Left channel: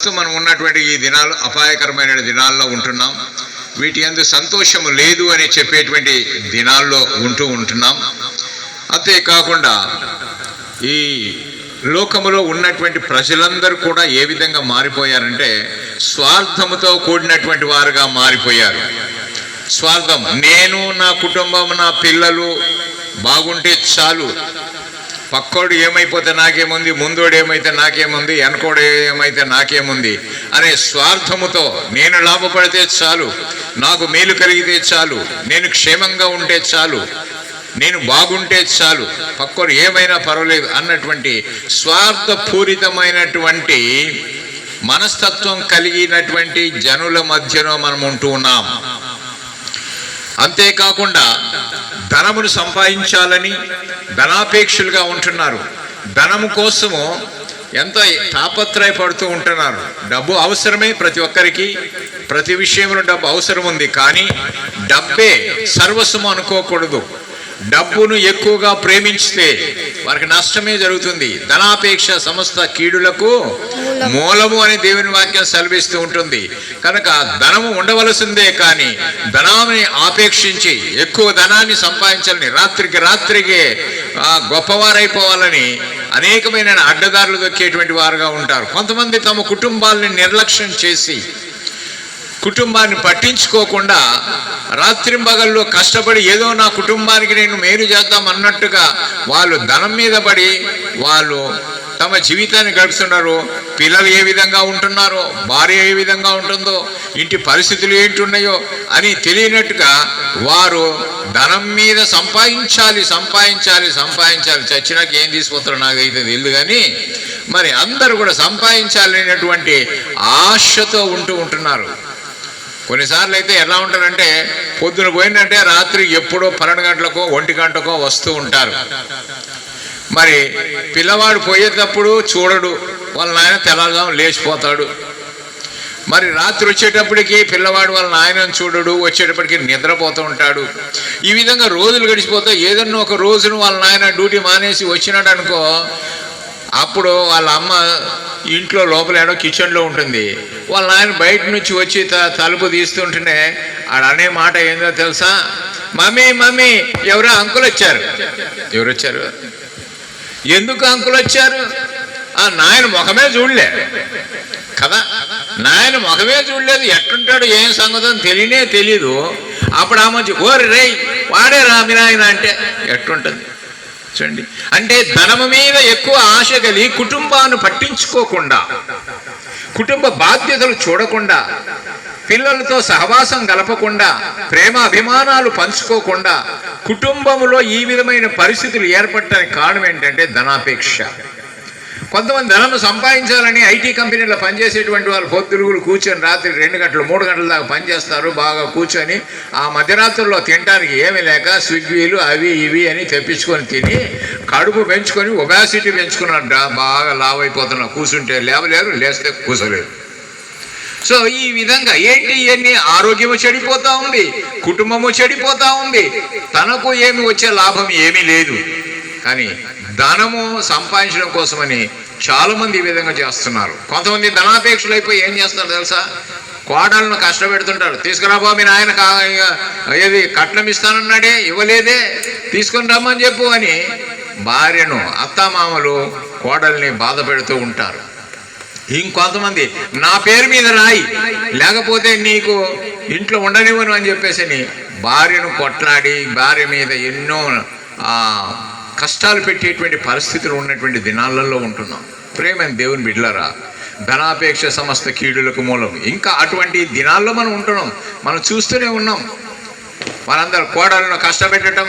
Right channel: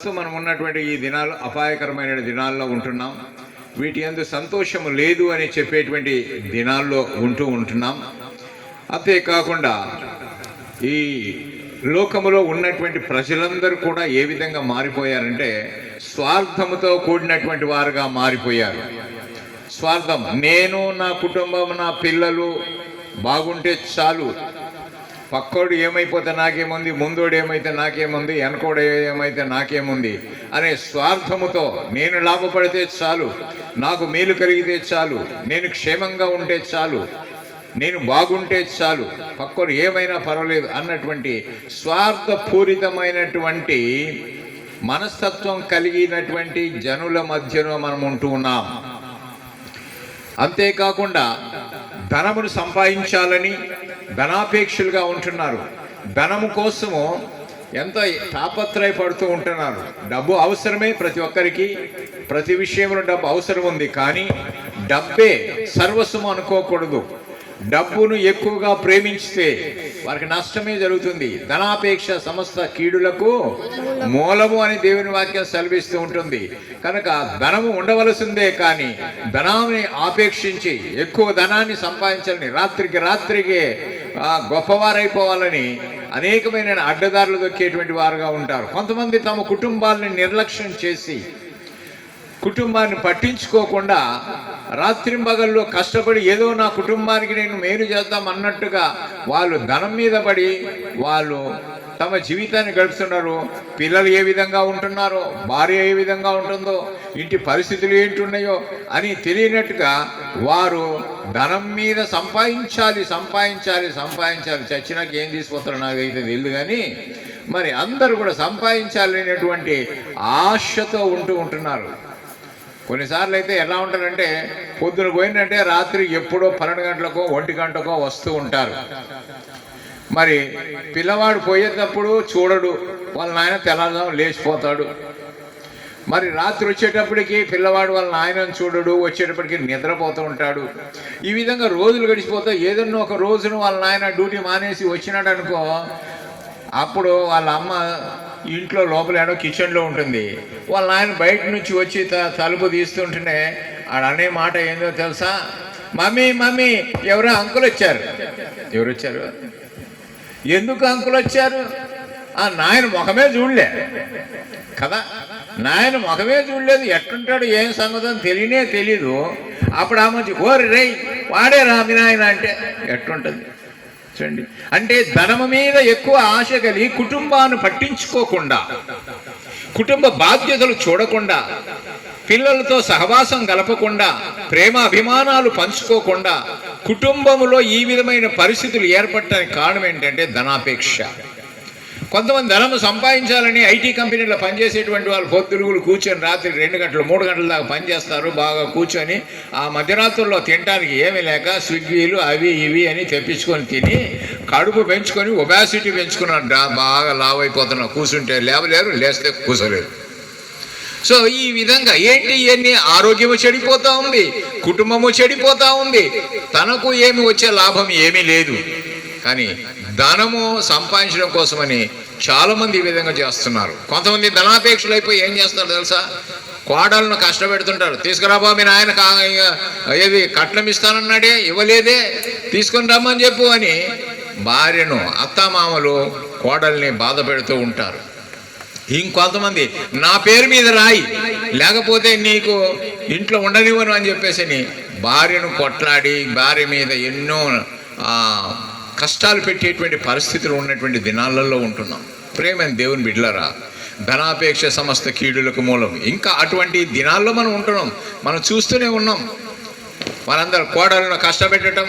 ప్రస్తుతం మనం ఉన్నటువంటి ఈ దినాలు అపాయకరమైన దినాల్లో ఉంటున్నాం. వీటి ఎందు సంతోషం లేదు అని చెప్పేటువంటి దినాల్లో ఉంటూ ఉంటున్నాం. అంతేకాకుండా ఈ లోకములో ఉన్నటువంటి ప్రజలందరూ కూడా ఏ విధంగా మారిపోయారంటే స్వార్థముతో కూడినటువంటి వారుగా మారిపోయారు. స్వార్థం నేను నా కుటుంబం నా పిల్లలు బాగుంటే చాలు. పక్కోడు ఏమైపోతే నాకేముంది? ముందోడు ఏమైతే నాకేముంది? వెనకోడు ఏమైతే నాకేముంది? అనే స్వార్థముతో నేను లాభపడితే చాలు. నాకు మేలు కలిగితే చాలు. నేను క్షేమంగా ఉంటే చాలు. నేను బాగుంటే చాలు. పక్కోడు ఏమైనా పర్వాలేదు అన్నటువంటి స్వార్థపూరితమైనటువంటి మనస్తత్వం కలిగినటువంటి జనుల మధ్యలో మనం ఉంటూ ఉన్నాం. అంతేకాకుండా ధనమును సంపాదించాలని ధనాపేక్షలుగా ఉంటున్నారు. ధనము కోసము ఎంతో తాపత్రయపడుతూ ఉంటున్నారు. డబ్బు అవసరమే ప్రతి ఒక్కరికి ప్రతి విషయంలో డబ్బు అవసరం ఉంది కానీ డబ్బే సర్వస్వం అనుకోకూడదు. డబ్బును ఎక్కువగా ప్రేమించితే వారికి నష్టమే జరుగుతుంది. ధనాపేక్ష సమస్త కీడులకు మూలము అని దేవుని వాక్యం సెలవిస్తూ ఉంటుంది. కనుక ధనము ఉండవలసిందే కానీ ధనాన్ని ఆపేక్షించి ఎక్కువ ధనాన్ని సంపాదించాలని రాత్రికి రాత్రికి గొప్పవారైపోవాలని అనేకమైన అడ్డదారులు దొక్కేటువంటి వారుగా ఉంటారు. కొంతమంది తమ కుటుంబాలని నిర్లక్ష్యం చేసి కుటుంబాన్ని పట్టించుకోకుండా రాత్రింబగల్లో కష్టపడి ఏదో నా కుటుంబానికి నేను మేలు చేద్దాం అన్నట్టుగా వాళ్ళు ధనం మీద పడి వాళ్ళు తమ జీవితాన్ని గడుపుతున్నారు. పిల్లలు ఏ విధంగా ఉంటున్నారో భార్య ఏ విధంగా ఉంటుందో ఇంటి పరిస్థితులు ఏంటి ఉన్నాయో అని తెలియనట్టుగా వారు ధనం మీద సంపాదించాలి సంపాదించాలి సంపాదించాలి. చచ్చినాక ఏం తీసుకుపోతారో నాకు అయితే తెలియదు కానీ మరి అందరూ కూడా సంపాదించాలనేటువంటి ఆశతో ఉంటూ ఉంటున్నారు. కొన్నిసార్లు అయితే ఎలా ఉంటారంటే పొద్దున పోయిందంటే రాత్రి ఎప్పుడో పన్నెండు గంటలకో ఒంటి గంటకో వస్తూ ఉంటారు. మరి పిల్లవాడు పోయేటప్పుడు చూడడు వాళ్ళ నాయన తెల్లదాం లేచిపోతాడు. మరి రాత్రి వచ్చేటప్పటికి పిల్లవాడు వాళ్ళ నాయనని చూడడు వచ్చేటప్పటికి నిద్రపోతూ ఉంటాడు. ఈ విధంగా రోజులు గడిచిపోతే ఏదన్నా ఒక రోజును వాళ్ళ నాయన డ్యూటీ మానేసి వచ్చినాడు అనుకో అప్పుడు వాళ్ళ అమ్మ ఇంట్లో లోపల ఏడో కిచెన్లో ఉంటుంది. వాళ్ళ నాయన బయట నుంచి వచ్చి త- తలుపు తీస్తుంటేనే ఆడ అనే మాట ఏందో తెలుసా? మమ్మీ మమ్మీ ఎవరో అంకులు వచ్చారు. ఎవరు వచ్చారు ఎందుకు అంకుల్ వచ్చారు? ఆ నాయన ముఖమే చూడలే. కదా నాయన ముఖమే చూడలేదు. ఎట్టుంటాడు ఏం సంగతో తెలియనే తెలీదు. అప్పుడు ఆ మధ్య ఓరి రేయ్ వాడే రామి నాయన అంటే ఎట్టుంటుంది చూడండి. అంటే ధనము మీద ఎక్కువ ఆశ కలిగి కుటుంబాన్ని పట్టించుకోకుండా కుటుంబ బాధ్యతలు చూడకుండా పిల్లలతో సహవాసం గలపకుండా ప్రేమ అభిమానాలు పంచుకోకుండా కుటుంబంలో ఈ విధమైన పరిస్థితులు ఏర్పడటానికి కారణం ఏంటంటే ధనాపేక్ష. కొంతమంది ధనం సంపాదించాలని ఐటీ కంపెనీలో పనిచేసేటువంటి వాళ్ళు పొద్దురుగులు కూర్చొని రాత్రి రెండు గంటలు మూడు గంటల దాకా పనిచేస్తారు బాగా కూర్చొని ఆ మధ్యరాత్రుల్లో తినడానికి ఏమీ లేక స్విగ్గీలు అవి ఇవి అని తెప్పించుకొని తిని కడుపు పెంచుకొని ఒబాసిటీ పెంచుకున్నారంట బాగా లావ్ అయిపోతున్నా కూర్చుంటే లేవలేరు లేస్తే కూర్చోలేరు. సో ఈ విధంగా ఏంటి ఇవన్నీ? ఆరోగ్యము చెడిపోతూ ఉంది కుటుంబము చెడిపోతూ ఉంది. తనకు ఏమి వచ్చే లాభం ఏమీ లేదు. కానీ ధనము సంపాదించడం కోసమని చాలామంది ఈ విధంగా చేస్తున్నారు. కొంతమంది ధనాపేక్షలు అయిపోయి ఏం చేస్తారు తెలుసా? కోడలను కష్టపెడుతుంటారు. తీసుకురాబా మీ నాయన ఏది కట్నం ఇస్తానన్నాడే ఇవ్వలేదే తీసుకుని రమ్మని చెప్పు అని భార్యను అత్తామామలు కోడల్ని బాధ పెడుతూ ఉంటారు. ఇంకొంతమంది నా పేరు మీద రాయి లేకపోతే నీకు ఇంట్లో ఉండనివ్వను అని చెప్పేసి భార్యను కొట్లాడి భార్య మీద ఎన్నో కష్టాలు పెట్టేటువంటి పరిస్థితులు ఉన్నటువంటి దినాలలో ఉంటున్నాం. ప్రేమ దేవుని బిడ్డలారా ధనాపేక్ష సమస్త కీడులకు మూలం. ఇంకా అటువంటి దినాల్లో మనం ఉంటున్నాం. మనం చూస్తూనే ఉన్నాం. మనందరూ కోడలను కష్టపెట్టడం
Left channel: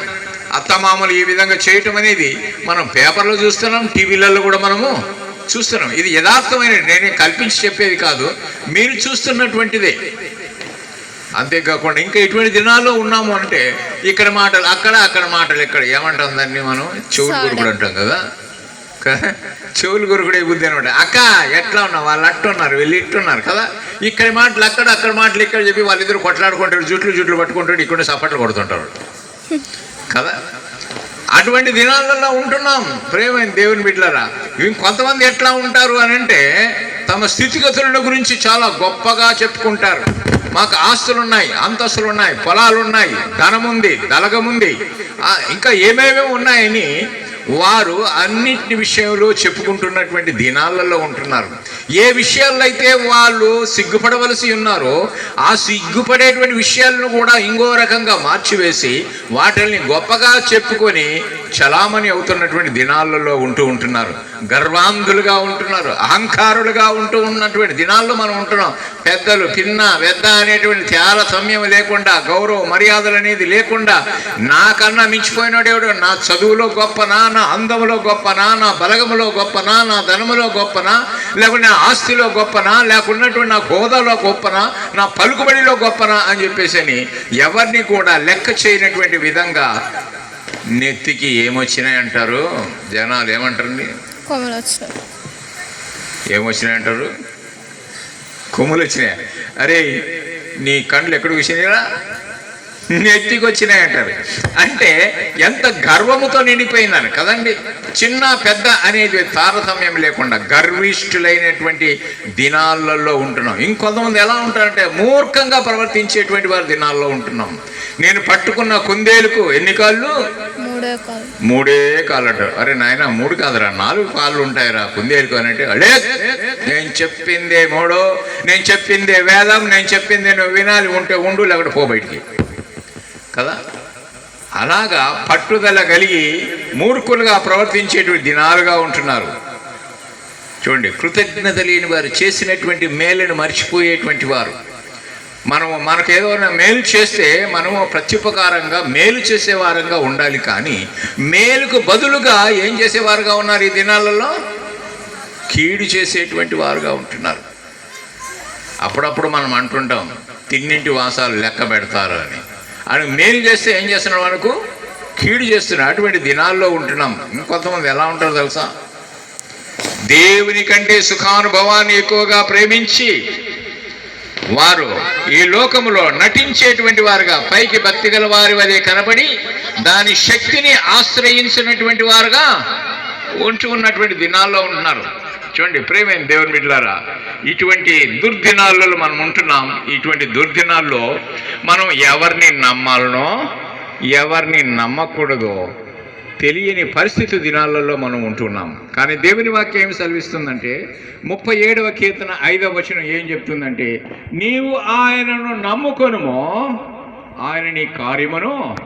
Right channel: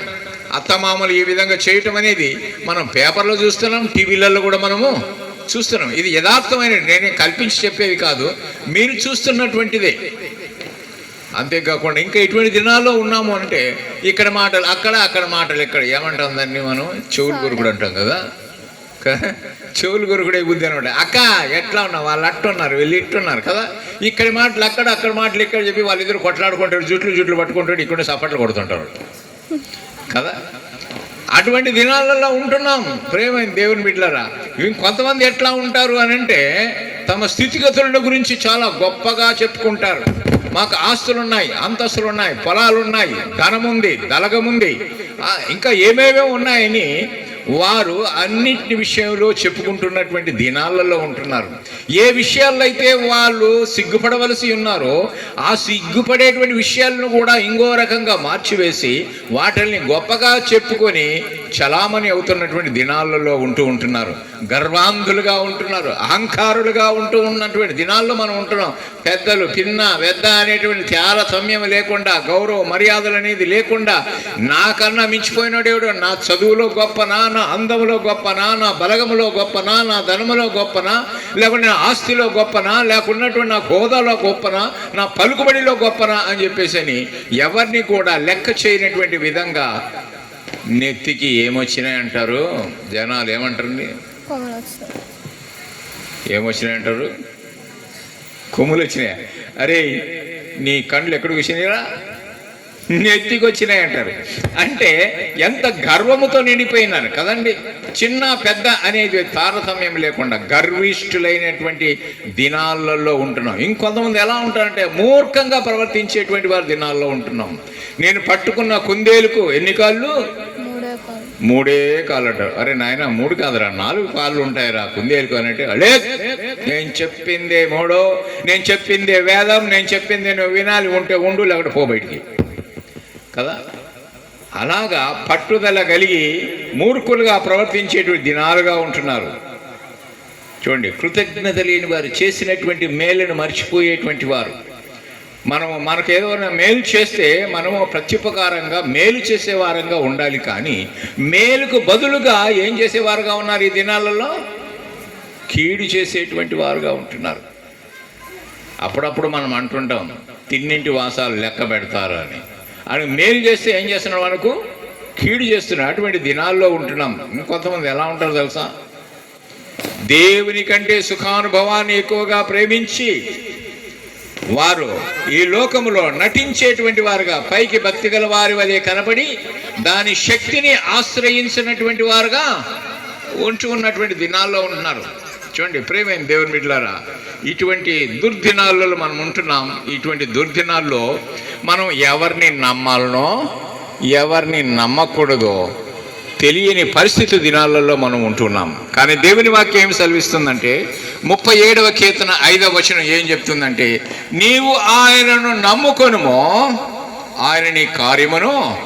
అత్తమామలు ఈ విధంగా చేయటం అనేది మనం పేపర్లో చూస్తున్నాం టీవీలలో కూడా మనము చూస్తున్నాం. ఇది యథార్థమైన నేనే కల్పించి చెప్పేది కాదు. మీరు చూస్తున్నటువంటిదే. అంతేకాకుండా ఇంకా ఎటువంటి దినాల్లో ఉన్నాము అంటే ఇక్కడ మాటలు అక్కడ అక్కడ మాటలు ఇక్కడ ఏమంటాం దాన్ని మనం? చెవులు కొరుకుడు అంటాం కదా? చెవులు కొరుకుడే బుద్ధి అనమాట. అక్క ఎట్లా ఉన్నావు? వాళ్ళు అట్టున్నారు వీళ్ళు ఇట్టున్నారు కదా? ఇక్కడ మాటలు అక్కడ అక్కడ మాటలు ఇక్కడ చెప్పి వాళ్ళిద్దరు కొట్లాడుకుంటారు జుట్లు జుట్లు పట్టుకుంటాడు ఇక్కడ సపట్లు కొడుతుంటారు. కదా? అటువంటి దినాలలో ఉంటున్నాం. ప్రేమైన దేవుని బిడ్డలారా ఇంకొంతమంది ఎట్లా ఉంటారు అని అంటే తమ స్థితిగతుల గురించి చాలా గొప్పగా చెప్పుకుంటారు. మాకు ఆస్తులు ఉన్నాయి అంతస్తులు ఉన్నాయి పొలాలు ఉన్నాయి ధనం ఉంది ఉంది ఇంకా ఏమేమో ఉన్నాయని వారు అన్నిటి విషయంలో చెప్పుకుంటున్నటువంటి దినాలలో ఉంటున్నారు. ఏ విషయాల్లో అయితే వాళ్ళు సిగ్గుపడవలసి ఉన్నారో ఆ సిగ్గుపడేటువంటి విషయాలను కూడా ఇంకో రకంగా మార్చివేసి వాటిని గొప్పగా చెప్పుకొని చలామణి అవుతున్నటువంటి దినాలలో ఉంటూ ఉంటున్నారు. గర్వాంధులుగా ఉంటున్నారు. అహంకారులుగా ఉంటూ ఉన్నటువంటి దినాల్లో మనం ఉంటున్నాం. పెద్దలు పిన్న పెద్ద అనేటువంటి చాలా సమయం లేకుండా గౌరవ మర్యాదలు అనేది లేకుండా నాకన్నా మించిపోయినాడేవాడు నా చదువులో గొప్పనా నా అందములో గొప్పనా నా బలగములో గొప్పనా నా ధనములో గొప్పనా లేకుంటే నా ఆస్తిలో గొప్పనా లేకున్నటువంటి నా హోదాలో గొప్పనా నా పలుకుబడిలో గొప్పనా అని చెప్పేసి అని ఎవరిని కూడా లెక్క చేయనటువంటి విధంగా నెత్తికి ఏమొచ్చినాయి అంటారు? జనాలు ఏమంటారండి? కొమ్మలు వచ్చిన ఏమొచ్చినాయి అంటారు కొమ్ములు వచ్చినాయి అరే నీ కండ్లు ఎక్కడికి వచ్చినాయిరా నెత్తికి వచ్చినాయి అంటారు అంటే ఎంత గర్వముతో నిండిపోయిందని కదండి. చిన్న పెద్ద అనేది తారతమ్యం లేకుండా గర్విష్ఠులైనటువంటి దినాలలో ఉంటున్నాం. ఇంకొంతమంది ఎలా ఉంటారంటే మూర్ఖంగా ప్రవర్తించేటువంటి వారి దినాల్లో ఉంటున్నాం. నేను పట్టుకున్న కుందేలుకు ఎన్ని కాళ్ళు? మూడే మూడే కాళ్ళట. అరే నాయన మూడు కాదురా నాలుగు కాళ్ళు ఉంటాయిరా కుందేలుకు అన్నట్టు అడే నేను చెప్పిందే మూడో నేను చెప్పిందే వేదం నేను చెప్పిందే నువ్వు వినాలి ఉంటే ఉండు లేకపోతే పో బయటికి. కదా? అలాగా పట్టుదల కలిగి మూర్ఖులుగా ప్రవర్తించేటువంటి దినాలుగా ఉంటున్నారు. చూడండి కృతజ్ఞత లేని వారు చేసినటువంటి మేలును మర్చిపోయేటువంటి వారు. మనము మనకు ఏదైనా మేలు చేస్తే మనము ప్రత్యుపకారంగా మేలు చేసేవారంగా ఉండాలి కానీ మేలుకు బదులుగా ఏం చేసేవారుగా ఉన్నారు ఈ దినాలలో? కీడు చేసేటువంటి వారుగా ఉంటున్నారు. అప్పుడప్పుడు మనం అంటుంటాం తిన్నింటి వాసాలు లెక్క పెడతారు అని. అని మేలు చేస్తే ఏం చేస్తున్నాడు మనకు కీడు చేస్తున్నాడు. అటువంటి దినాల్లో ఉంటున్నాం. ఇంకొంతమంది ఎలా ఉంటారు తెలుసా? దేవుని కంటే సుఖానుభవాన్ని ఎక్కువగా ప్రేమించి వారు ఈ లోకములో నటించేటువంటి వారుగా పైకి భక్తి గల వారి వలె కనబడి దాని శక్తిని ఆశ్రయించినటువంటి వారుగా ఉంచుకున్నటువంటి ఉన్నటువంటి దినాల్లో ఉంటున్నారు. చూడండి ప్రేమైన దేవుని బిడ్డలారా ఇటువంటి దుర్దినాల్లో మనం ఉంటున్నాం. ఇటువంటి దుర్దినాల్లో మనం ఎవరిని నమ్మాలనో ఎవరిని నమ్మకూడదో తెలియని పరిస్థితి దినాలలో మనం ఉంటున్నాం. కానీ దేవుని వాక్యం ఏమి సెలవిస్తుందంటే ముప్పై ఏడవ కీర్తన ఐదవ వచనం ఏం చెప్తుందంటే నీవు ఆయనను నమ్ముకొనుమో ఆయన నీ కార్యమును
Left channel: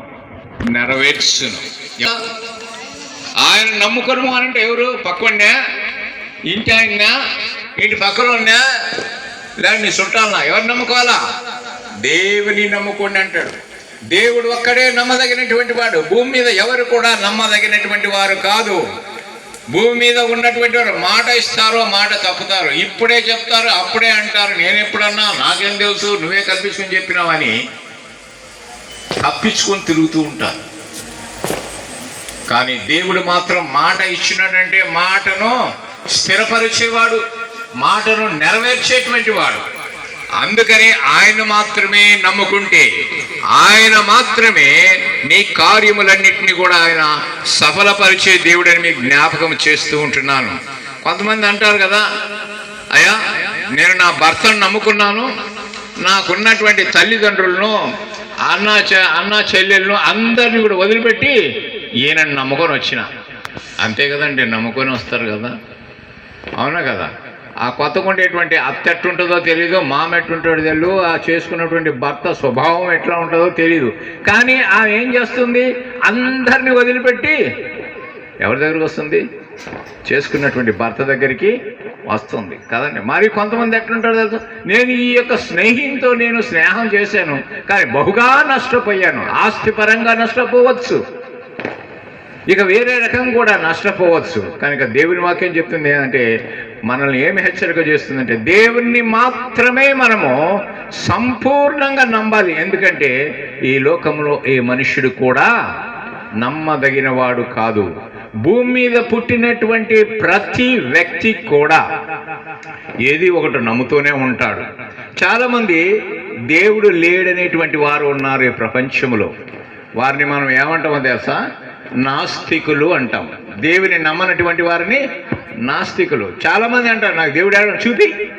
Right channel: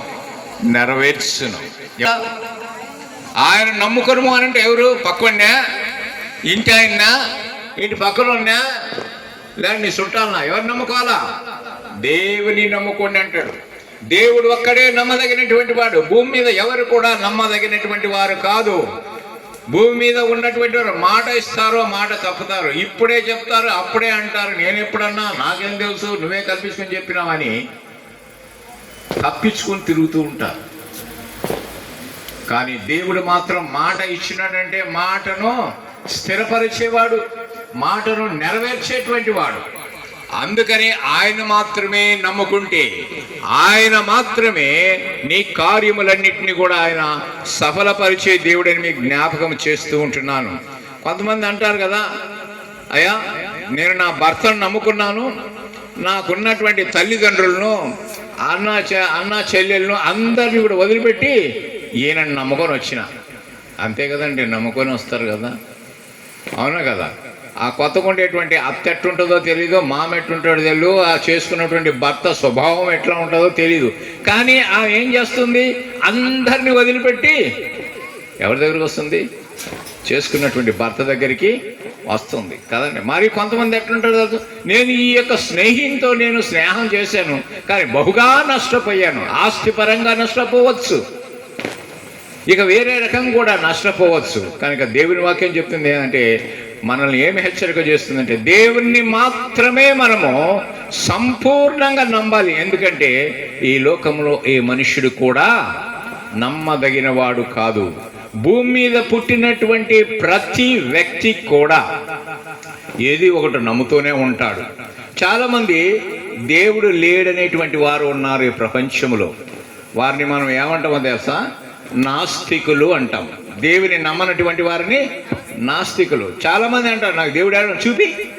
నెరవేర్చును. ఆయన నమ్ముకొనుము అని అంటే ఎవరు? పక్కనే ఇంటి ఆయన ఇంటి పక్కన ఉన్నా లేదా చుట్టాలనా ఎవరు నమ్ముకోవాలా? దేవుని నమ్ముకోండి అంటాడు. దేవుడు ఒక్కడే నమ్మదగినటువంటి వాడు. భూమి మీద ఎవరు కూడా నమ్మదగినటువంటి వారు కాదు. భూమి మీద ఉన్నటువంటి వారు మాట ఇస్తారో మాట తప్పుతారు. ఇప్పుడే చెప్తారు అప్పుడే అంటారు. నేను ఎప్పుడన్నా నాకేం తెలుసు నువ్వే కల్పించుకొని చెప్పినావని తప్పించుకొని తిరుగుతూ ఉంటారు. కానీ దేవుడు మాత్రం మాట ఇచ్చినాడంటే మాటను స్థిరపరిచేవాడు మాటను నెరవేర్చేటువంటి వాడు అందుకని ఆయన మాత్రమే నమ్ముకుంటే ఆయన మాత్రమే నీ కార్యములన్నింటినీ కూడా ఆయన సఫలపరిచే దేవుడని మీకు జ్ఞాపకం చేస్తూ ఉంటున్నాను. కొంతమంది అంటారు కదా అయ్యా నేను నా భర్తను నమ్ముకున్నాను నాకున్నటువంటి తల్లిదండ్రులను అన్న చె- అన్న చెల్లెలను అందరిని కూడా వదిలిపెట్టి ఈయనని నమ్ముకొని వచ్చిన. అంతే కదండి నమ్ముకొని వస్తారు కదా. అవునా కదా? ఆ కొత్తగా ఉండేటువంటి అత్త ఎట్టుంటుందో తెలియదు మామ ఎట్టుంటాడో తెలియదు ఆ చేసుకున్నటువంటి భర్త స్వభావం ఎట్లా ఉంటుందో తెలియదు కానీ ఆ ఏం చేస్తుంది? అందరిని వదిలిపెట్టి ఎవరి దగ్గరికి వస్తుంది? చేసుకున్నటువంటి భర్త దగ్గరికి వస్తుంది. కదండి? మరి కొంతమంది ఎట్లుంటారు తెలుసా? నేను ఈ యొక్క స్నేహితుతో నేను స్నేహం చేశాను కానీ బహుగా నష్టపోయాను. ఆస్తిపరంగా నష్టపోవచ్చు. ఇక వేరే రకం కూడా నష్టపోవచ్చు. కనుక దేవుని వాక్యం చెప్తుంది ఏంటంటే మనల్ని ఏమి హెచ్చరిక చేస్తుందంటే దేవుణ్ణి మాత్రమే మనము సంపూర్ణంగా నమ్మాలి. ఎందుకంటే ఈ లోకంలో ఏ మనుష్యుడు కూడా నమ్మదగిన వాడు కాదు. భూమి మీద పుట్టినటువంటి ప్రతి వ్యక్తి కూడా ఏది ఒకటి నమ్ముతూనే ఉంటాడు. చాలామంది దేవుడు లేడనేటువంటి వారు ఉన్నారు ఈ ప్రపంచంలో. వారిని మనం ఏమంటామో తెలుసా? నాస్తికులు అంటాం. దేవుని నమ్మనటువంటి వారిని నాస్తికులు. చాలామంది అంటారు నాకు దేవుడు ఏడ చూపి?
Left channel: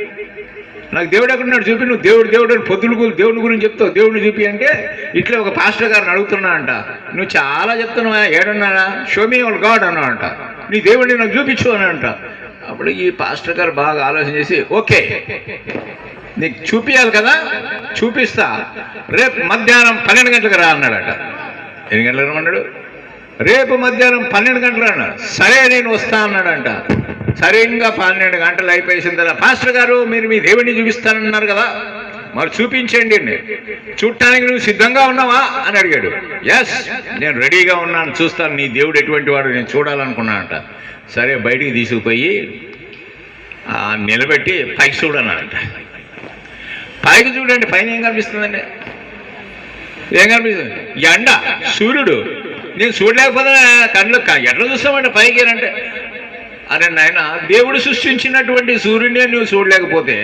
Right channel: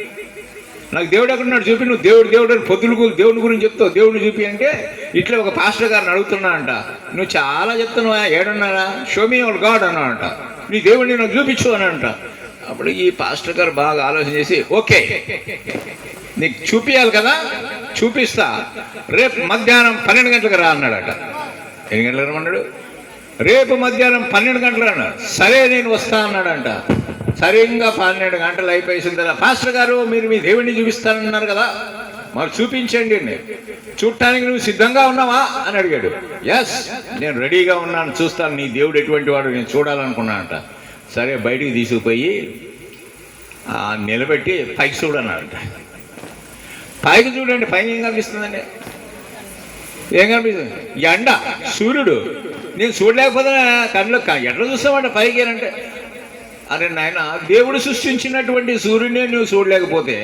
నాకు దేవుడు ఎక్కడున్నాడు చూపి? నువ్వు దేవుడు దేవుడు అని పొద్దులు దేవుని దేవుడి గురించి చెప్తావు దేవుడిని చూపి అంటే ఇట్లా ఒక పాస్టర్ గారిని అడుగుతున్నా అంట. నువ్వు చాలా చెప్తున్నావా? ఏడున్నానా షోమీ వాళ్ళ గాడ్ అన్నా అంట. నీ దేవుడిని నాకు చూపించు అని అంట. అప్పుడు ఈ పాస్టర్ గారు బాగా ఆలోచన చేసి ఓకే నీకు చూపించాలి కదా చూపిస్తా. రేపు మధ్యాహ్నం పన్నెండు గంటలకు రా అన్నాడట. ఎన్ని గంటలకు రమ్మన్నాడు? రేపు మధ్యాహ్నం పన్నెండు గంటలు అన్నాడు సరే నేను వస్తా అన్నాడంట. సరిగ్గా పన్నెండు గంటలు అయిపోయేసిన తర్వాత పాస్టర్ గారు మీరు మీ దేవుడిని చూపిస్తానన్నారు కదా. మరి చూపించండి చూడటానికి నువ్వు సిద్ధంగా ఉన్నావా? అని అడిగాడు. ఎస్ నేను రెడీగా ఉన్నాను. చూస్తాను. నీ దేవుడు ఎటువంటి వాడు? నేను చూడాలనుకున్నానంట. సరే బయటికి తీసుకుపోయి నిలబెట్టి పైకి చూడన్నాడంట. పైకి చూడండి పైన ఏం కనిపిస్తుందండి? ఏం కనిపిస్తుంది? ఎండ. సూర్యుడు నేను చూడలేకపోతే కళ్ళు క- ఎట్లా చూస్తామంటే పైకి అంటే అరే నాయన దేవుడు సృష్టించినటువంటి సూర్యుడిని నువ్వు చూడలేకపోతే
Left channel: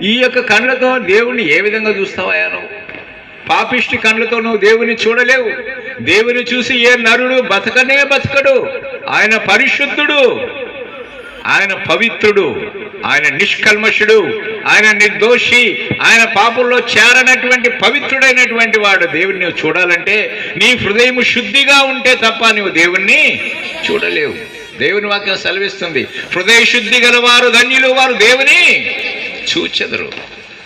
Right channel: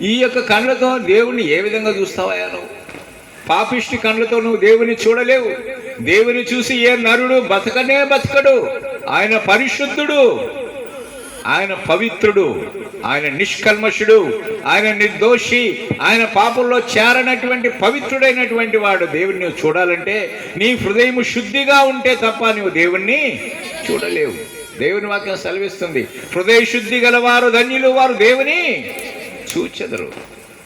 ఈ యొక్క కళ్ళతో దేవుణ్ణి ఏ విధంగా చూస్తావా నువ్వు పాపిష్టి కళ్ళతో నువ్వు దేవుని చూడలేవు. దేవుని చూసి ఏ నరుడు బతకనే బతకడు. ఆయన పరిశుద్ధుడు. ఆయన పవిత్రుడు ఆయన నిష్కల్మషుడు ఆయన నిర్దోషి ఆయన పాపుల్లో చేరనటువంటి పవిత్రుడైనటువంటి వాడు. దేవుణ్ణి చూడాలంటే నీ హృదయం శుద్ధిగా ఉంటే తప్ప నువ్వు దేవుణ్ణి చూడలేవు. దేవుని వాక్యం సెలవిస్తుంది. హృదయ శుద్ధి గలవారు ధన్యులు వారు దేవుని చూచెదరు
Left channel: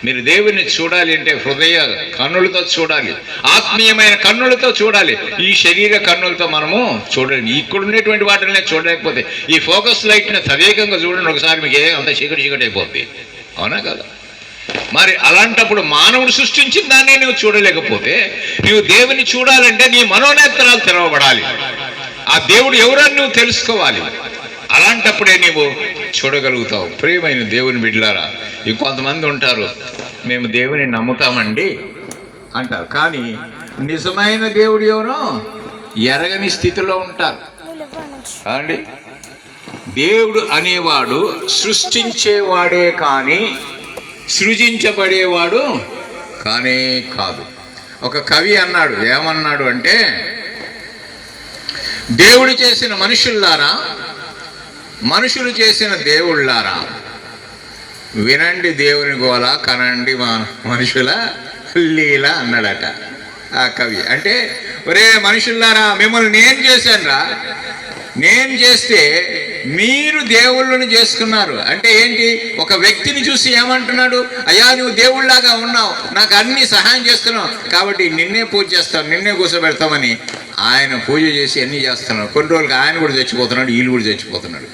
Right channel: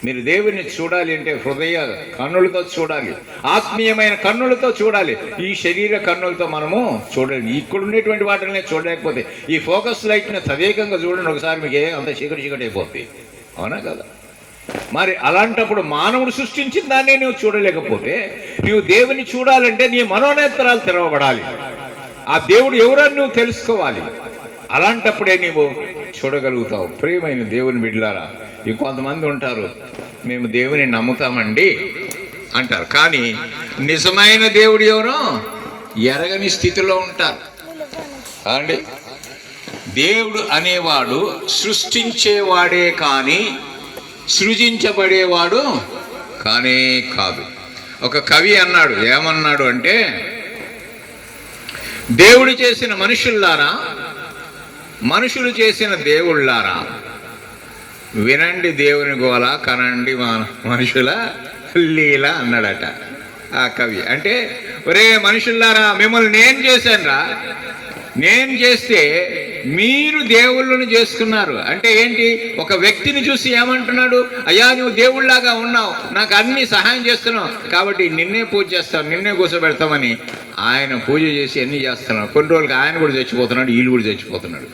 మీరు దేవుని చూడాలి అంటే హృదయ కన్నులతో చూడాలి. ఆత్మీయమైన కన్నులతో చూడాలి. ఈ శరీర కన్నులతో మనము చూడండి ఇక్కడ వాటిని చూడలేకపోతే ఈ ఫోకస్ లైట్ని తదేకంగా చూడండి ఒకసారి మీకు ఏ అంత చీకటి చీకటి అయిపోద్ది. అవునా కదా? మరి అలాంటప్పుడు మానవుడు సృష్టించిన దాన్నే నువ్వు చూడలేకపోతే నువ్వు దేవుని చూడాలంటే నీ మనోనేత్రాలు తెరవబడాలి. ఆ దేవుడు ఎవరని నువ్వు తెలుసుకోవాలి. అలాంటప్పుడే నీవు చూడగలుగుతావు. ప్రియమైన దేవుని బిడ్డలారా ఇంకొంతమంది ఉంటారు మేము దేవుని నమ్ముతామండి అంటారు. కానీ నిజమైన దేవుడు ఎవరో? ఎరగని స్థితిలో ఉంటారు. అండి దేవుడు అనేవాడు సృష్టించేవాడే కానీ సృజించబడేవాడు కానే కాదు. ఒక కవి అన్నాడు ఏమన్నాడు అంటే దేవుడు చేసిన మనుషుల్లారా మనుషులు చేసిన దేవుళ్ళారా వినండి దేవుని గోల కనండి మా- మనుషుల లీల అన్నాడట ఆ కవి. అంటే ఒరే మనుషులారా మిమ్మల్ని నేను చేశానురా. నేను చేస్తే మీరు దేవుళ్ళను చేసుకున్నారు. అంటే ఏంటి? ఒక వ్యక్తిని చూసి ఏమంటున్నాడు? అయ్యా నువ్వు దేవుళ్ళలాగా ఉన్నావు. నాకు అన్ని సహాయం చేస్తున్నావు. కాబట్టి నిన్నే పూజ చేస్తాను నిన్నే కూర్చోబెడతామని ఆయన పూజ చేసి అన్ని చేస్తున్నాడు. కొన్ని రోజులకి ఆయన కూడా చచ్చిపోతున్నాడు వీళ్ళు కూడా చచ్చిపోతున్నాడు.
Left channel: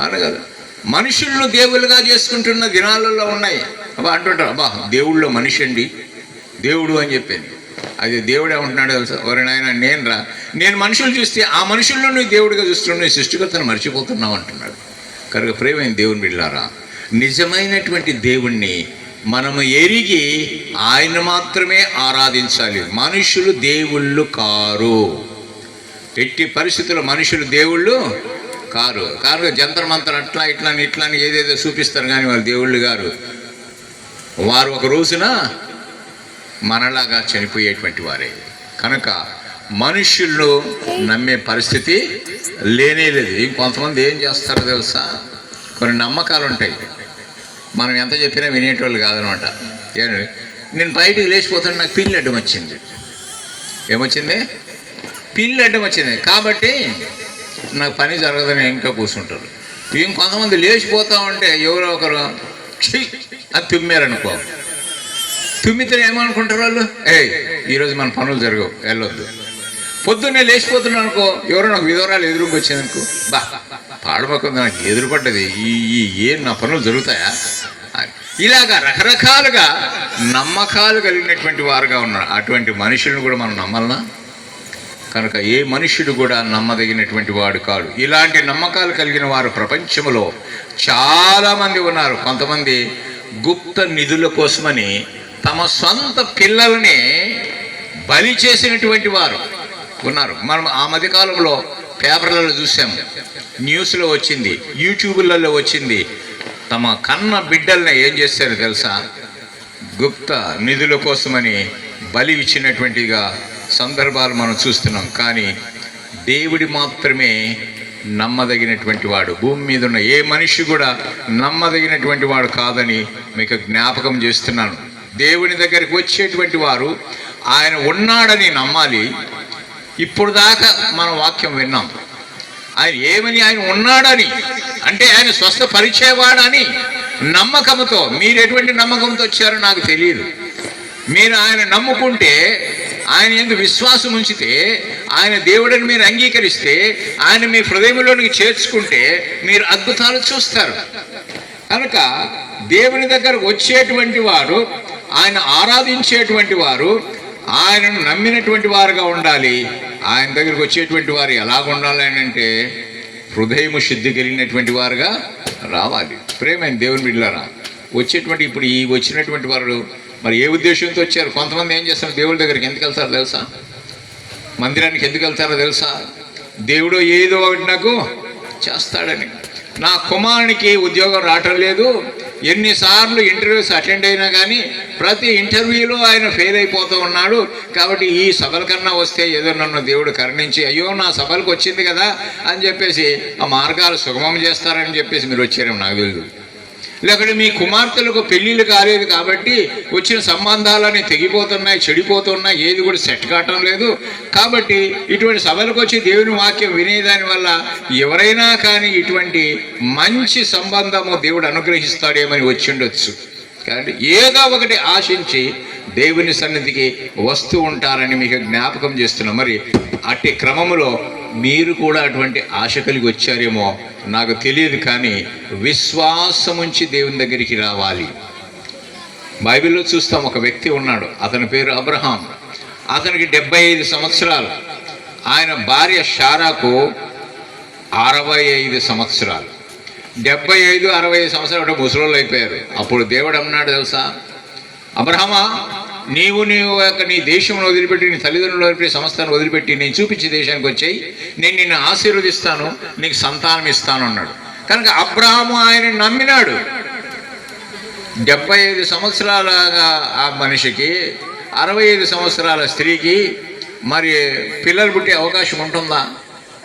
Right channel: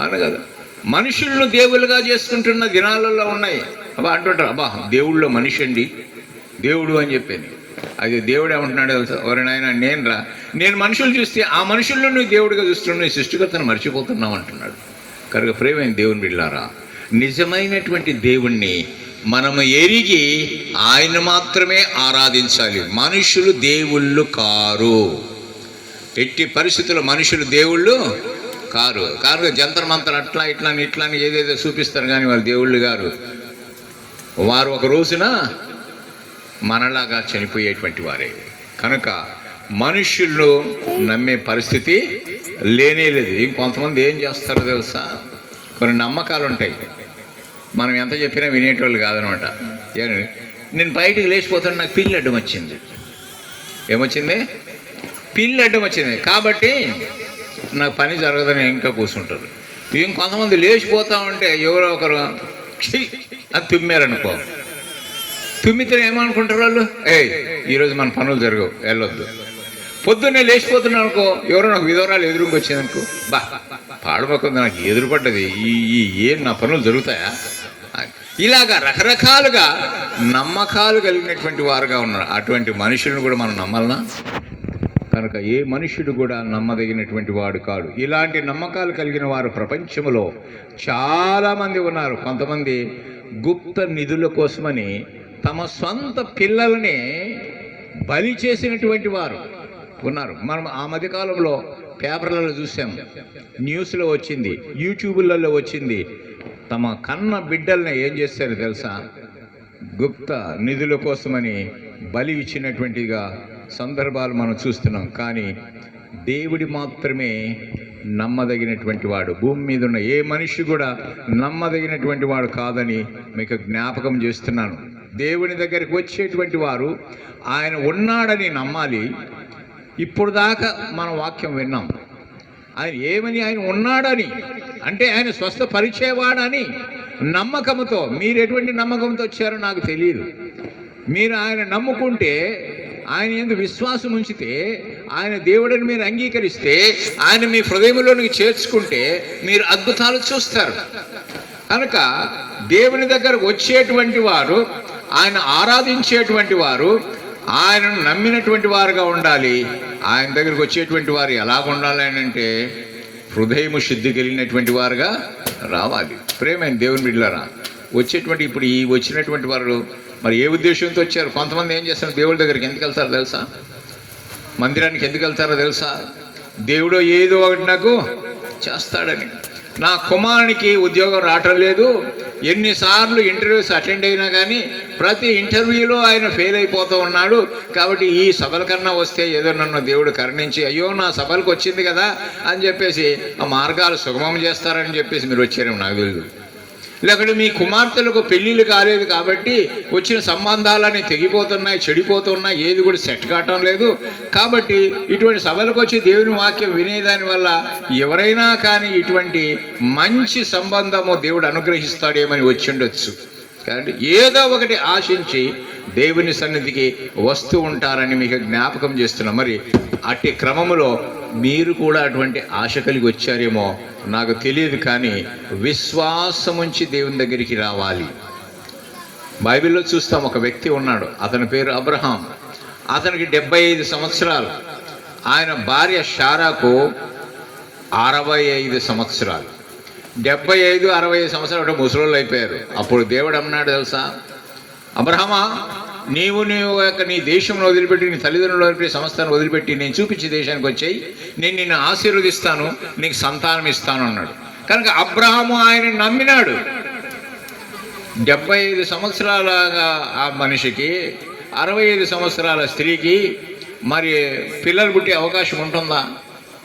అవును కదా మనుషులను దేవుళ్ళుగా చేసుకుంటున్న దినాలలో ఉన్నాయి. అబ్బా అంటుంటారు అబ్బా దేవుళ్ళో మనిషి అండి. దేవుడు అని చెప్పింది. అది దేవుడు ఏమంటున్నాడు తెలుసా? ఎవరి నాయన నేను రా. నేను మనుషులు చూస్తే ఆ మనుషుల్లో నువ్వు దేవుడిగా చూస్తున్నావు నీ సృష్టికర్తను మర్చిపోతున్నావు అంటున్నాడు. కనుక ప్రేమైన దేవుని బిడ్డారా నిజమైనటువంటి దేవుణ్ణి మనము ఎరిగి ఆయన మాత్రమే ఆరాధించాలి. మనుషులు దేవుళ్ళు కారు. ఎట్టి పరిస్థితుల్లో మనుషులు దేవుళ్ళు కారు కారు జంతర్ మంతర్ అట్లా ఇట్లా అని ఇట్లా అని ఏదేదో చూపిస్తారు కానీ వారు దేవుళ్ళు గారు. వారు ఒక రోజున మనలాగా చనిపోయేటువంటి వారే. కనుక మనుషుల్లో నమ్మే పరిస్థితి లేనే లేదు. ఇంకొంతమంది ఏం చేస్తారో తెలుసా? కొన్ని నమ్మకాలు ఉంటాయి. మనం ఎంత చెప్పినా వినేటోళ్ళు కాదనమాట. నేను బయటికి లేచిపోతాను నాకు పిల్లి అడ్డం వచ్చింది. ఏమొచ్చింది? పిల్లి అడ్డం వచ్చింది. కాబట్టి నాకు పని జరగదని ఇంకా కూర్చుంటారు. ఇంకొంతమంది లేచిపోతా ఉంటే ఎవరో ఒకరు అది అని తుమ్మారనుకో. తుమ్మితే ఏమనుకుంటారు వాళ్ళు? ఏయ్ ఈరోజు మన పనులు జరగవు వెళ్ళొద్దు. పొద్దున్నే లేచిపోతున్నాను అనుకో ఎవరో నాకు విధవరాలు ఎదురుకు వచ్చిందనుకో బా పాడపక్కన నాకు ఎదురుపడ్డది ఈ ఈ ఏం నా పనులు జరుగుతాయా? ఇలాగా రకరకాలుగా నమ్మకాలు కలిగినటువంటి వారుగా ఉన్నారు. అటువంటి మనుషులను కూడా మనం నమ్మాలనా? కనుక ఏ మనుష్యుడు కూడా నమ్మదగినటువంటి వాడు కాడు. ఇలాంటి నమ్మకాలు కలిగిన వారు ప్రపంచంలో చాలామంది ఉన్నారు. కొంతమంది గుప్త నిధుల కోసమని తమ సొంత పిల్లల్ని బలి చేసినటువంటి వారు ఉన్నారు. మనం ఆ మధ్యకాలంలో పేపర్లలో చూసాం. న్యూస్లో వచ్చింది యూట్యూబ్లలో వచ్చింది. తమ కన్న బిడ్డల్ని ఏం చేశారు తెలుసా? గుప్త నిధుల కోసమని బలి ఇచ్చినటువంటిగా సందర్భాలు మనం చూస్తున్నాం కానీ దేవుడి మాత్రమే నమ్మదగినటువంటి వాడు. భూమి మీద ఉన్న ఏ మనిషి కూడా నమ్మదగినటువంటి వాడు కాదని మీకు జ్ఞాపకం చేస్తున్నాను. దేవుని దగ్గరికి వచ్చేటువంటి వారు ఆయన ఉన్నాడని నమ్మాలి. ఇప్పుడు దాకా మనం వాక్యం విన్నాం. ఆయన ఏమని ఆయన ఉన్నాడని అంటే ఆయన స్వస్థపరిచేవాడని నమ్మకంతో మీరు ఎటువంటి నమ్మకంతో వచ్చారో నాకు తెలియదు. మీరు ఆయన నమ్ముకుంటే ఆయన ఎందుకు విశ్వాసం ఉంచితే ఆయన దేవుడిని మీరు అంగీకరిస్తే ఆయన మీ హృదయంలోనికి చేర్చుకుంటే మీరు అద్భుతాలు చూస్తారు. కనుక దేవుని దగ్గర వచ్చేటువంటి వారు ఆయన ఆరాధించేటువంటి వారు ఆయనను నమ్మినటువంటి వారుగా ఉండాలి. ఆయన దగ్గరకు వచ్చేటువంటి వారు ఎలా ఉండాలి అని అంటే హృదయము శుద్ధి కలిగినటువంటి వారుగా రావాలి. ప్రేమైన దేవుని బిడ్డలారా వచ్చేటువంటి ఇప్పుడు ఈ వచ్చినటువంటి వారు మరి ఏ ఉద్దేశంతో వచ్చారు? కొంతమంది ఏం చేస్తారు? దేవుడి దగ్గరికి ఎందుకు వెళ్తారో తెలుసా? మందిరానికి ఎందుకు వెళ్తారో తెలుసా? దేవుడు ఏదో ఒకటి నాకు చేస్తాడని. నా కుమారునికి ఉద్యోగం రావటం లేదు. ఎన్నిసార్లు ఇంటర్వ్యూస్ అటెండ్ అయినా కానీ ప్రతి ఇంటర్వ్యూలో ఆయన ఫెయిల్ అయిపోతూ ఉన్నాడు. కాబట్టి ఈ సభల కన్నా వస్తే ఏదో నన్ను దేవుడు కరుణించి అయ్యో నా సభలకు వచ్చింది కదా అని చెప్పేసి ఆ మార్గాలు సుగమం చేస్తారని చెప్పేసి మీరు వచ్చారేమో నాకు తెలియదు లేకపోతే మీ కుమార్తెలకు పెళ్ళిళ్ళు కాలేదు కాబట్టి వచ్చిన సంబంధాలన్నీ తెగిపోతున్నాయి చెడిపోతున్నాయి ఏది కూడా సెట్ కావటం లేదు. కాబట్టి ఇటువంటి సభలకు వచ్చి దేవుని వాక్యం వినేదాని వల్ల ఎవరైనా కానీ ఇటువంటి మంచి సంబంధము దేవుడు అనుగ్రహిస్తాడేమని వచ్చి ఉండొచ్చు కాబట్టి ఏదో ఒకటి ఆశించి దేవుని సన్నిధికి వస్తూ ఉంటారని మీకు జ్ఞాపకం చేస్తున్నాం. మరి అట్టి క్రమంలో మీరు కూడా అటువంటి ఆశ కలిగి వచ్చారేమో నాకు తెలియదు కానీ విశ్వాసం ఉంచి దేవుని దగ్గరికి రావాలి. బైబిల్లో చూస్తాం ఒక వ్యక్తి ఉన్నాడు అతని పేరు అబ్రహాం. అతనికి డెబ్బై ఐదు సంవత్సరాలు. ఆయన భార్య షారాకు అరవై ఐదు సంవత్సరాలు. డెబ్బై ఐదు అరవై ఐదు సంవత్సరాలు ముసలోళ్ళు అయిపోయారు. అప్పుడు దేవుడు అన్నాడు తెలుసా? అబ్రహమా నీవు నీవు యొక్క నీ దేశంలో వదిలిపెట్టి నీ తల్లిదండ్రులు వదిలిపెట్టి సంస్థను వదిలిపెట్టి నేను చూపించే దేశానికి వచ్చాయి. నేను నిన్ను ఆశీర్వదిస్తాను నీకు సంతానం ఇస్తాను అన్నాడు. కనుక అబ్రహాము ఆయన నమ్మినాడు. డెబ్బై ఐదు సంవత్సరాలగా ఆ మనిషికి అరవై ఐదు సంవత్సరాల స్త్రీకి మరి పిల్లలు పుట్టే అవకాశం ఉంటుందా?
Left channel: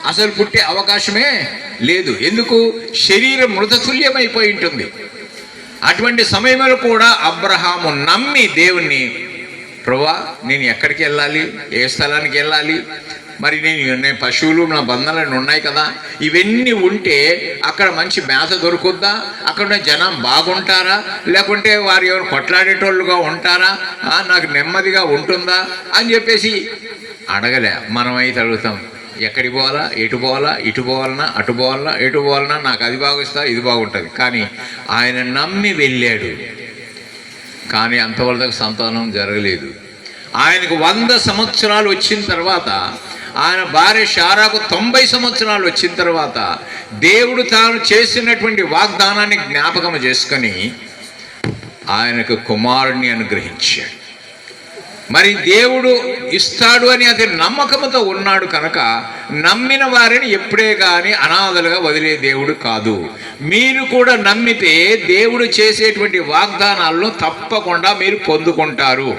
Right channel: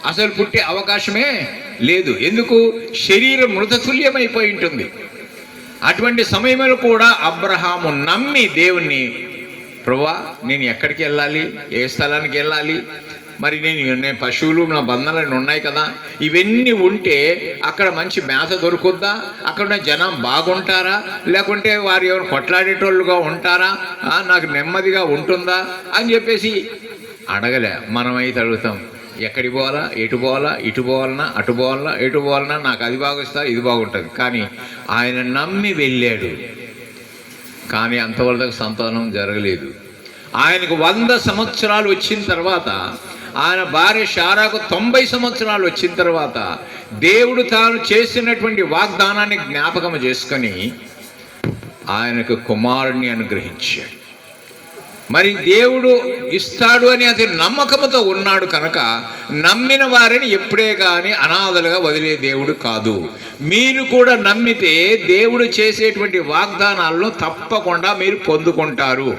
అసలు పుట్టే అవకాశమే లేదు. ఎందుకు? శరీరం మృతతుల్యమైపోయి ఉంటుంది. అటువంటి సమయంలో కూడా అబ్రహాము నమ్మి దేవుణ్ణి ప్రభా నేను ఎక్కడికి వెళ్ళాలి? ఏ స్థలానికి వెళ్ళాలి? మరి నేను నేను పశువులు నా బంధాలన్నీ ఉన్నాయి కదా. ఇవన్నీ ఉంటే అక్కడ మంచి మేత దొరుకుద్దా? అక్కడ ఉన్న జనం బాగుంటారా? లేకుంటే వారు ఎవరు కొట్లాడేటోళ్ళుగా ఉంటారా? నాకు నెమ్మదిగా ఉంటుందా? అని చెప్పేసి అడగలే. మనమైతే అడుగుతాం ఎక్కడికి పోవాలా? ఎటు పోవాలా? ఇటు పోవాలన్నా అటు పోవాలన్నా ఎటు పోవాలన్నా నాకు అది బాగుస్తా ఇది బాగుంటుంది. కానీ ఆయన నమ్మి వెళ్ళాడు. కానీ అంతవరకు సంతానం జరగలేదు. ఆయనకు వంద సంవత్సరాలు వచ్చిన తర్వాత ఆయన భార్య షారాకు తొంభై సంవత్సరాలు వచ్చిన తర్వాత దేవుడు తాను చేసినటువంటి వాగ్దానాన్ని జ్ఞాపకం చేసుకొని ఆయనకు కుమారుణ్ణి అనుగ్రహించాడు. మరి దేవుడు ఇస్తాడు అని అతని నమ్మకముతో ఉన్నాడు కనుక నమ్మిన వారిని ఎప్పుడే కానీ అనాథలుగా వదిలే దేవుడు కాదు. మీరు కూడా నమ్మితే దేవుడు చేసేటువంటి వాగ్దానాలను తప్పకుండా మీరు పొందుకుంటారు.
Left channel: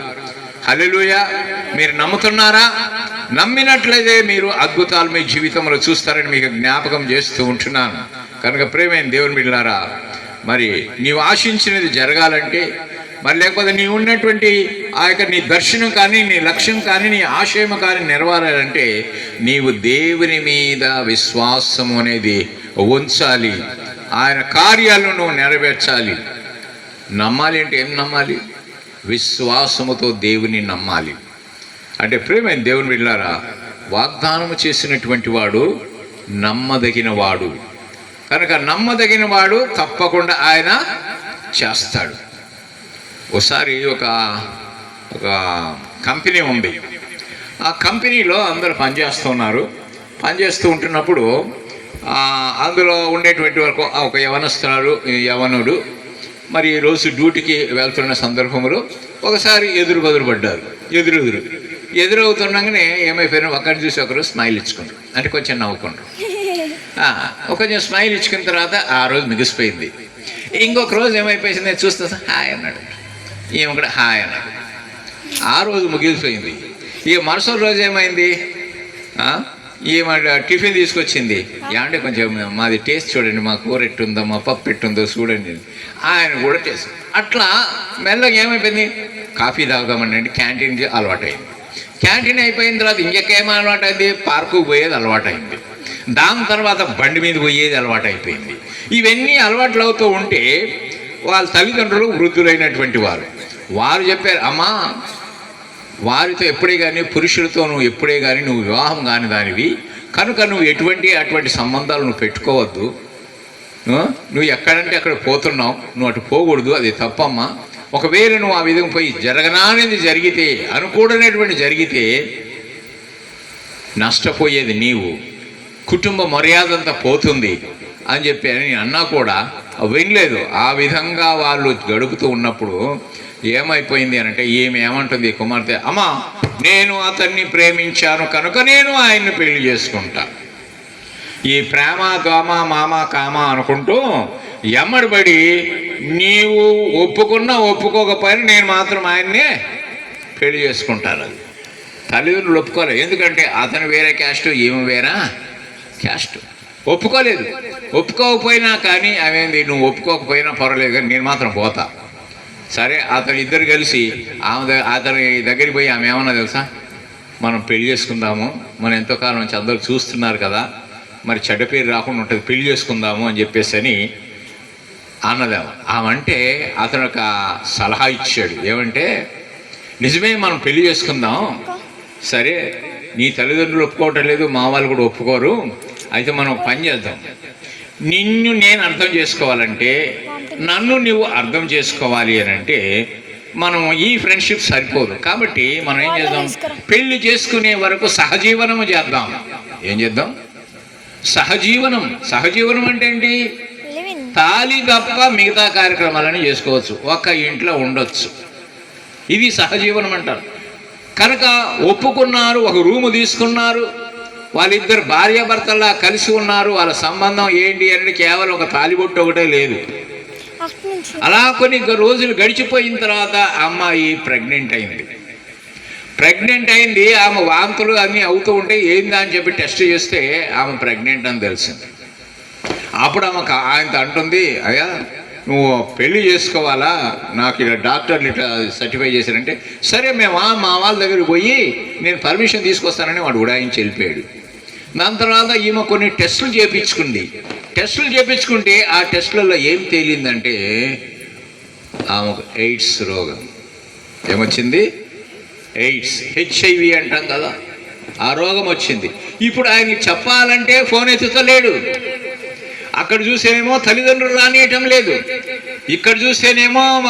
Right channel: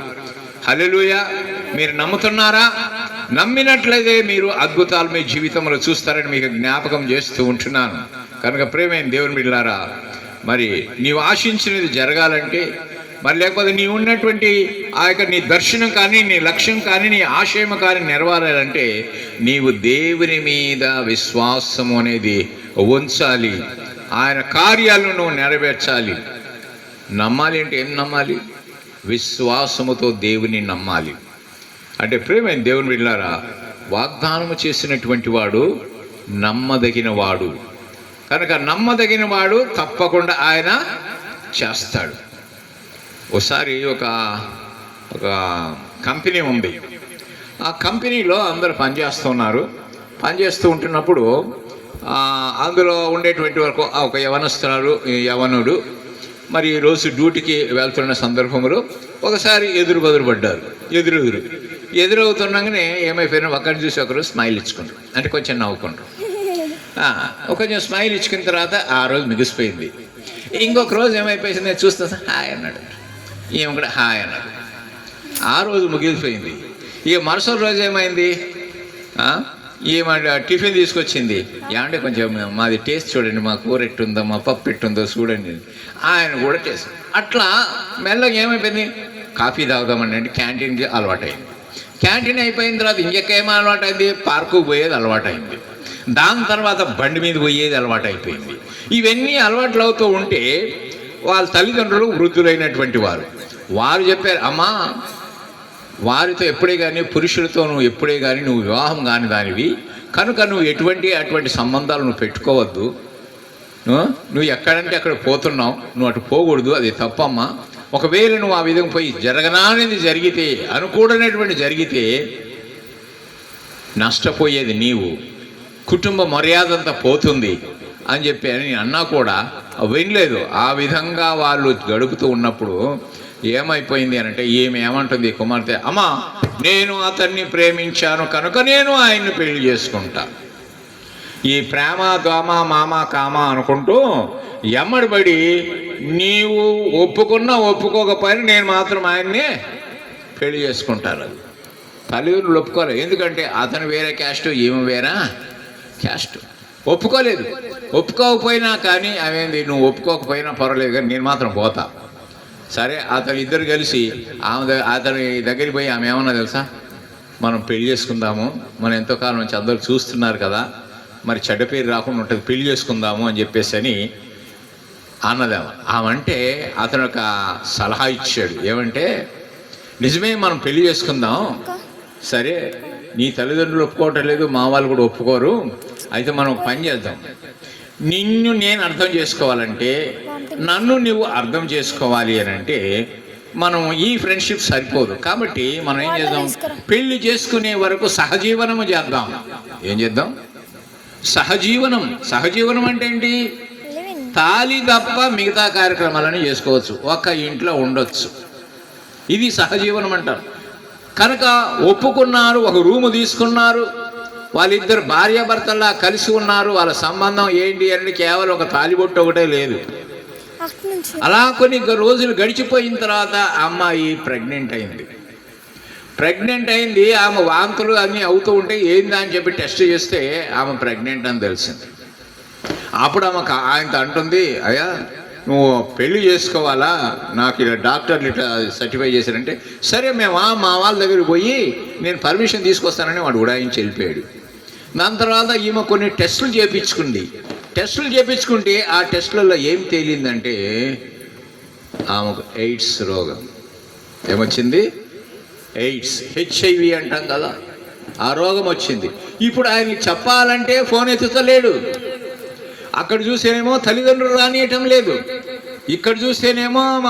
హలెలుయ మీరు నమ్ముతున్నారా? నమ్మినట్లయితే మీరు అద్భుతాలు మీ జీవితంలో చూస్తారని మీకు జ్ఞాపకం చేస్తూ ఉంటున్నాను. కనుక ప్రేమైన దేవుని బిడ్డారా మరి నీవు ఆశించినది జరగాలంటే మరి లేకపోతే నీ ఉన్నటువంటి ఆ యొక్క నీ దర్శనం కానీ నీ లక్ష్యం కానీ నీ ఆశయం కానీ నెరవేరాలంటే నీవు దేవుని మీద విశ్వాసం అనేది ఉంచాలి. ఆయన కార్యాలను నువ్వు నెరవేర్చాలి. నమ్మాలి అంటే ఏం నమ్మాలి? విశ్వాసముతో దేవుని నమ్మాలి. అంటే ప్రేమైన దేవుని వెళ్ళారా వాగ్దానం చేసినటువంటి వాడు నమ్మదగిన వాడు కనుక నమ్మదగిన వాడు తప్పకుండా ఆయన చేస్తాడు. ఒకసారి ఒక ఒక కంపెనీ ఉంది. ఆ కంపెనీలో అందరు పనిచేస్తున్నారు. పనిచేస్తూ ఉంటున్నప్పుడు అందులో ఉండేటువంటి వరకు ఒక యవనస్తురాలు యవనుడు మరి రోజు డ్యూటీకి వెళ్తున్న సందర్భంలో ఒకసారి ఎదురు బదురు పడ్డారు ఎదురెదురు. ఎదురవుతుండగానే ఏమైపోయినా ఒకరిని చూసి ఒకరు స్మైల్ ఇచ్చుకుంటారు. అంటే కొంచెం నవ్వుకుంటారు. ఒక కొంచెం స్మైల్ ఇచ్చుకున్న తర్వాత ఆ రోజు మిగిసిపోయింది. ఇంకొక రోజు ఏమైపోయింది? నేను చూస్తా హాయ్ అన్నాడు. ఈమె కూడా హాయ్ అన్నాడు. ఆ రోజు ముగిసిపోయింది. ఈ మరుసటి రోజు ఏమైంది? ఆ? ఈమె టిఫిన్ తీసుకొచ్చింది. ఏమంటే కొంచెం మాది టేస్ట్ చూడండి మా కూర ఎట్టుందో మా పప్పు ఎట్టుందో చూడండి. ఆయన కూడా టేస్ట్. అట్లా మెల్లగా ఏమైపోయింది? కాఫీ తాగుదామని అంటే క్యాంటీన్కి అలవాటైంది. క్యాంటీన్ అయిపోయిన తర్వాత ఇంకెక్కేమో అలవాటైంది? పార్కు పోయేది అలవాటైంది. దాని తర్వాత బండి మీద పోయేది అలవాటు అయిపోయింది ఇవన్నీ అలవాట్లు అవుతూ ఉంటే వాళ్ళ తల్లిదండ్రులు వృద్ధులైనటువంటి వారు. వారు చెప్పారు అమ్మా వారితో ఎప్పుడే కానీ పురుషులతో నువ్వు ఎప్పుడే కానీ నువ్వు వివాహం కాని దానివి. కనుక నువ్వు ఎటువంటి అటువంటి సంబంధాలు నువ్వు పెట్టుకోవద్దు. నువ్వు ఎక్కడంటే అక్కడ పోతున్నావు. నువ్వు అటు పోకూడదు అది తప్పమ్మా. ఒకవేళ నువ్వు ఆ విధంగా పోయి జరగనానేది జరిగితే అనుకూడనటువంటి జరిగితే నష్టపోయేది నీవు. కుటుంబ మర్యాద అంతా పోతుంది. అని చెప్పి అని అన్నా కూడా వినలేదు ఆ విధంగా వాళ్ళు గడుపుతూ ఉన్నప్పుడు ఏమైపోయింది అంటే ఏమి ఏమంటుంది కుమార్తె? అమ్మా నేను అతన్ని ప్రేమించాను కనుక నేను ఆయన్ని పెళ్ళి చేసుకుంటా. ఈ ప్రేమ గామ మామ కామ అనుకుంటూ ఎమ్మడిబడి నీవు ఒప్పుకున్నా ఒప్పుకోకపోయినా నేను మాత్రం ఆయన్నే పెళ్ళి చేసుకుంటాను. తల్లిదండ్రులు ఒప్పుకోలేదు ఎందుకంటే అతను వేరే క్యాస్ట్ ఈమె వేరా క్యాస్ట్. ఒప్పుకోలేదు. ఒప్పుకోకపోయినా కానీ అవేంది నువ్వు ఒప్పుకోకపోయినా పర్వాలేదు కానీ నేను మాత్రం పోతా. సరే అతను ఇద్దరు కలిసి ఆమె ద- అతని దగ్గరికి పోయి ఆమె ఏమన్నా తెలుసా? మనం పెళ్ళి చేసుకుందాము మనం ఎంతో కాలం నుంచి అందరూ చూస్తున్నారు కదా మరి చెడ్డ పేరు రాకుండా ఉంటుంది పెళ్ళి చేసుకుందాము అని చెప్పేసి అని అన్నదేమ ఆమంటే అతను ఒక సలహా ఇచ్చాడు. ఏమంటే నిజమే మనం పెళ్ళి చేసుకుందాం. సరే నీ తల్లిదండ్రులు ఒప్పుకోవటం లేదు మా వాళ్ళు కూడా ఒప్పుకోరు. అయితే మనం పని చేద్దాం. నిన్ను నేను అర్థం చేసుకోవాలంటే నన్ను నువ్వు అర్థం చేసుకోవాలి అని అంటే మనం ఈ ఫ్రెండ్షిప్ సరిపోదు. కాబట్టి మనం ఏం చేద్దాం? పెళ్ళి చేసుకునే వరకు సహజీవనము చేద్దాం. ఏం చేద్దాం? సహజీవనం. సహజీవనం అంటే ఏంటి? తాలి తప్ప మిగతా కార్యక్రమాలను చేసుకోవచ్చు. ఒక్క ఇంట్లో ఉండొచ్చు. ఇది సహజీవనం అంటారు. కనుక ఒప్పుకున్నారు ఒక రూము తీసుకున్నారు వాళ్ళిద్దరు భార్యాభర్తల్లా కలిసి ఉన్నారు. వాళ్ళ సంబంధం ఏంటి అనేది కేవలం ఒక తాలిబొట్టు ఒకటే లేదు. అలా కొన్ని రోజులు గడిచిపోయిన తర్వాత అమ్మాయి ప్రెగ్నెంట్ అయింది. ప్రెగ్నెంట్ అయింది. ఆమె వాంతులు అన్నీ అవుతూ ఉంటే ఏందా అని చెప్పి టెస్ట్ చేస్తే ఆమె ప్రెగ్నెంట్ అని తెలిసింది. అప్పుడు ఆమె ఆయనతో అంటుంది అయ్యా నువ్వు పెళ్ళి చేసుకోవాలా? నాకు ఇలా డాక్టర్లు ఇట్లా సర్టిఫై చేశారంటే సరే మేము మా వాళ్ళ దగ్గరికి పోయి నేను పర్మిషన్ తీసుకొస్తానని వాడు ఉడాయించి వెళ్ళిపోయాడు. దాని తర్వాత ఈమె కొన్ని టెస్టులు చేపించుకుంది. టెస్టులు చేపించుకుంటే ఆ టెస్టులలో ఏం తేలిందంటే ఆమెకు ఎయిడ్స్ రోగం. ఏమొచ్చింది? ఎయిడ్స్ హెచ్ఐవి అంటాం కదా. ఆ రోగం వచ్చింది. ఇప్పుడు ఆయనకి చెప్పాలంటే ఫోన్ ఎత్తుతలేడు అక్కడ చూసేనేమో తల్లిదండ్రులు రానియటం లేదు. ఇక్కడ చూస్తేనేమో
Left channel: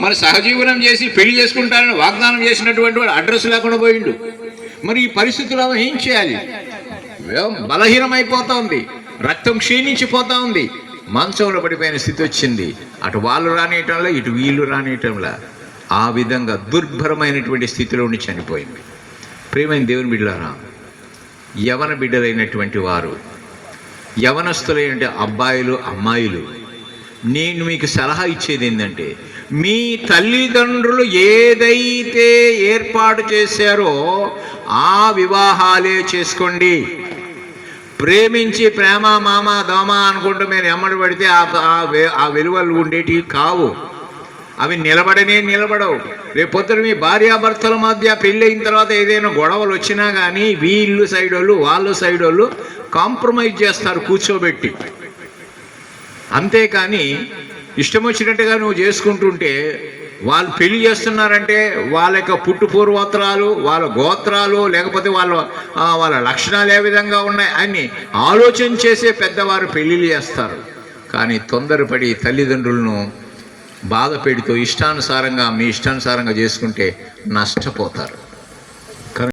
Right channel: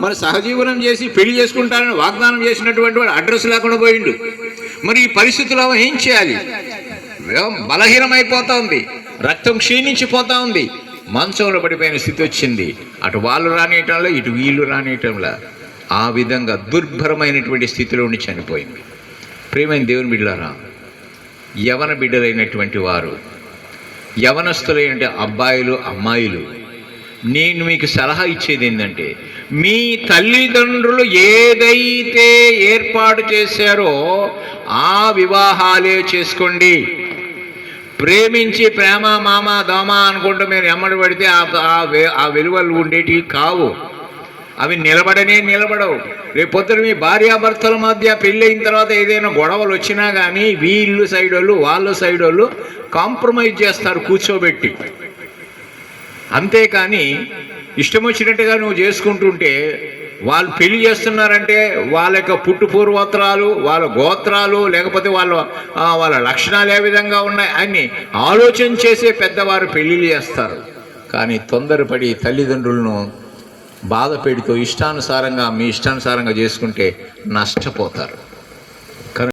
మరి సహజీవనం చేసి పెళ్ళి చేసుకుంటారని వాగ్దానం చేసినటువంటి వాడు అడ్రస్ లేకుండా పోయిండు. మరి ఈ పరిస్థితులు ఆమె ఏం చేయాలి? బలహీనమైపోతోంది. రక్తం క్షీణించిపోతా ఉంది మంచంలో పడిపోయిన స్థితి వచ్చింది. అటు వాళ్ళు రానియటంలో ఇటు వీళ్ళు రానియటంలో. ఆ విధంగా దుర్భరమైనటువంటి స్థితిలో ఉండి చనిపోయింది. ప్రేమైన దేవుని బిడ్డలారా యవన బిడ్డలైనటువంటి వారు యవనస్తులైన అబ్బాయిలు అమ్మాయిలు నేను మీకు సలహా ఇచ్చేది ఏంటంటే మీ తల్లిదండ్రులు ఏదైతే ఏర్పాటు చేశారో ఆ వివాహాలే చేసుకోండి. ప్రేమించి ప్రేమ మామ దోమ అనుకుంటూ మీరు ఎమ్మడి పడితే ఆ ఆ విలువలు ఉండేటివి కావు. అవి నిలబడనే నిలబడవు. రేపు పొద్దున మీ భార్యాభర్తల మధ్య పెళ్ళైన తర్వాత ఏదైనా గొడవలు వచ్చినా కానీ వీళ్ళు సైడ్ వాళ్ళు వాళ్ళు సైడ్ వాళ్ళు కాంప్రమైజ్ చేస్తారు కూర్చోబెట్టి. అంతేకాని ఇష్టం వచ్చినట్టుగా నువ్వు చేసుకుంటుంటే వాళ్ళు పెళ్ళి చేస్తున్నారంటే వాళ్ళ యొక్క పుట్టు పూర్వోత్తరాలు వాళ్ళ గోత్రాలు లేకపోతే వాళ్ళ వాళ్ళ లక్షణాలు ఏ విధంగా ఉన్నాయి అని ఆలోచన చేసే పెద్దవారు పెళ్ళిళ్ళు చేస్తారు. కానీ తొందరపడి తల్లిదండ్రులను బాధ పెడుతూ ఇష్టానుసారంగా మీ ఇష్టానుసారంగా చేసుకుంటే నష్టపోతారు.